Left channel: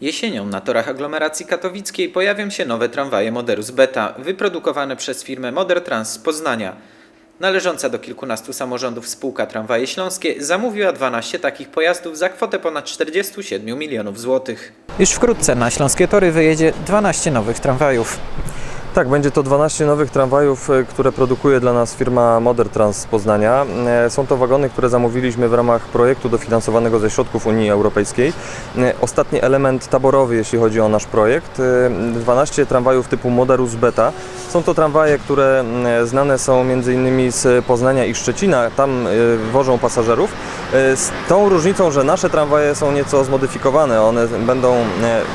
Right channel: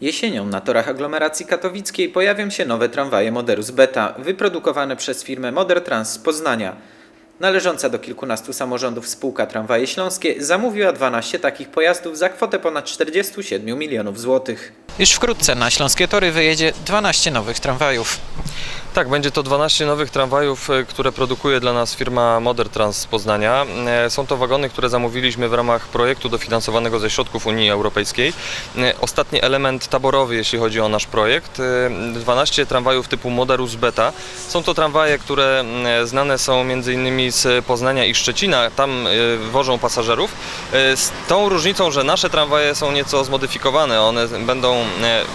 Jesienią na torach aglomeracji katowickiej pojawią się nowe tramwaje Moderus Beta, wyprodukowane przez firmę Modertrans z Poznania. Należąca do kilkunastu samorządów spółka Tramwaje Śląskie zamówiła 12 takich pojazdów za kwotę ponad 47 milionów złotych. Już wkrótce na śląskie tory wyjedzie 12 nowych tramwajów. Tak, będzie to 12 nowych tramwajów, e, które produkuje dla nas firma Modertrans z Poznania. E, Są to wagony, które zamówiliśmy w ramach projektu dofinansowanego ze środków Unii Europejskiej. E, Ostatni element taborowy, jeśli chodzi o nasz projekt. e, 12 tramwajów typu Moderus Beta. Są to tramwaje, które e, znane są m.in. z Poznania i Szczecina. Tam wożą pasażerów. Z tą różnicą, że nasze tramwaje są nieco zmodyfikowane. One będą,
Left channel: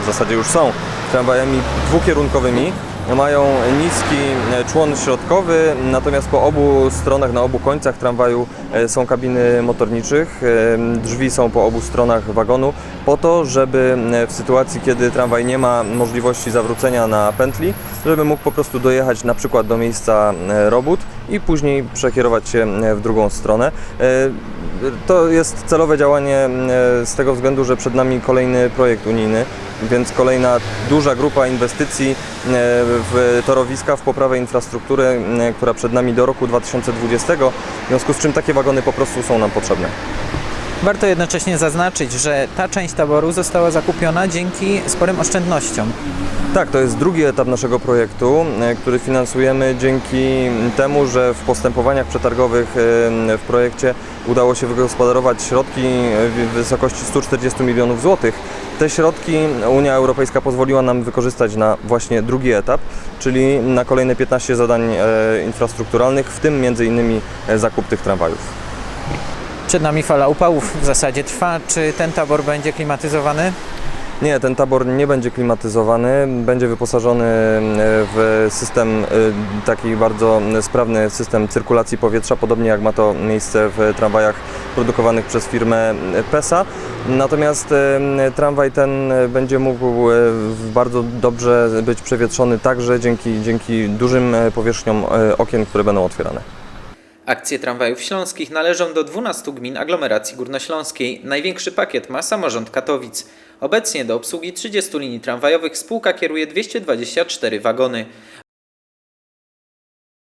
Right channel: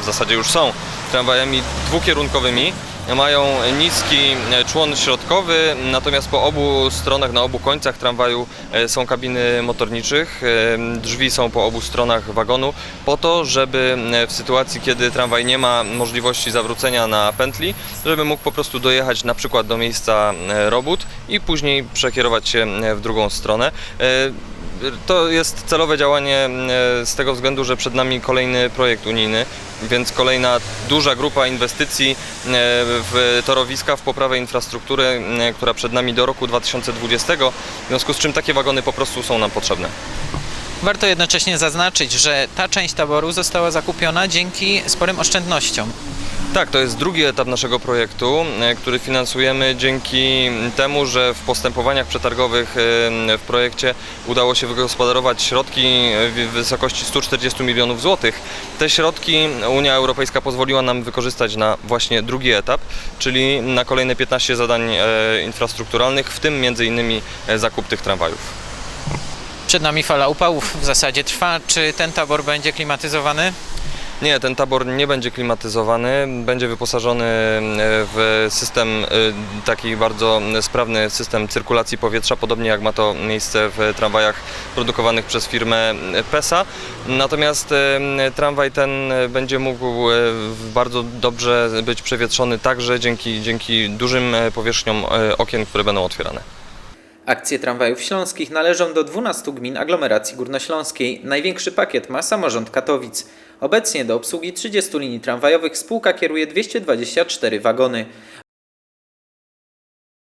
w zasadzie już są, tramwajami dwukierunkowymi. Mają niski e, człon środkowy, natomiast po obu stronach, na obu końcach tramwaju e, są kabiny motorniczych. E, Drzwi są po obu stronach wagonu po to, żeby w sytuacji, kiedy tramwaj nie ma możliwości zawrócenia na pętli, żeby mógł po prostu dojechać na przykład do miejsca robót i później przekierować się w drugą stronę. To jest celowe działanie e, z tego względu, że przed nami kolejny projekt unijny, więc kolejna duża grupa inwestycji e, w torowiska, w poprawę infrastruktury, e, która przed nami do roku 2020, w związku z czym takie wagony po prostu są nam potrzebne. Warto jednocześnie zaznaczyć, że ta część taboru została zakupiona dzięki sporym oszczędnościom. Tak, to jest drugi etap naszego projektu, e, który finansujemy dzięki temu, że w postępowaniach przetargowych e, w projekcie udało się wygospodarować środki w wysokości 140 milionów złotych. Te środki Unia Europejska pozwoliła nam wykorzystać na właśnie drugi etap, czyli na kolejne 15 zadań e, infrastrukturalnych, w tym między innymi e, zakup tych tramwajów. Przed nami fala upałów w zasadzie trwa. Czy ten tabor będzie klimatyzowany? Nie, ten tabor nie będzie klimatyzowany, będzie wyposażony e, w system, e, taki bardzo sprawny system cyrkulacji powietrza, podobnie jak ma to miejsce w tramwajach produkowanych przez firmę PESA. Natomiast e, tramwaj ten będzie mógł e, bardzo dobrze być przewietrzony także dzięki, dzięki dużym e, powierzchniom e, okien, które będą otwierane. Akcje tramwajów śląskich należą do 12 gmin aglomeracji górnośląskiej. Największy pakiet ma samorząd Katowic. Obecnie do obsługi 30 linii tramwajowych spółka kieruje 224 wagony.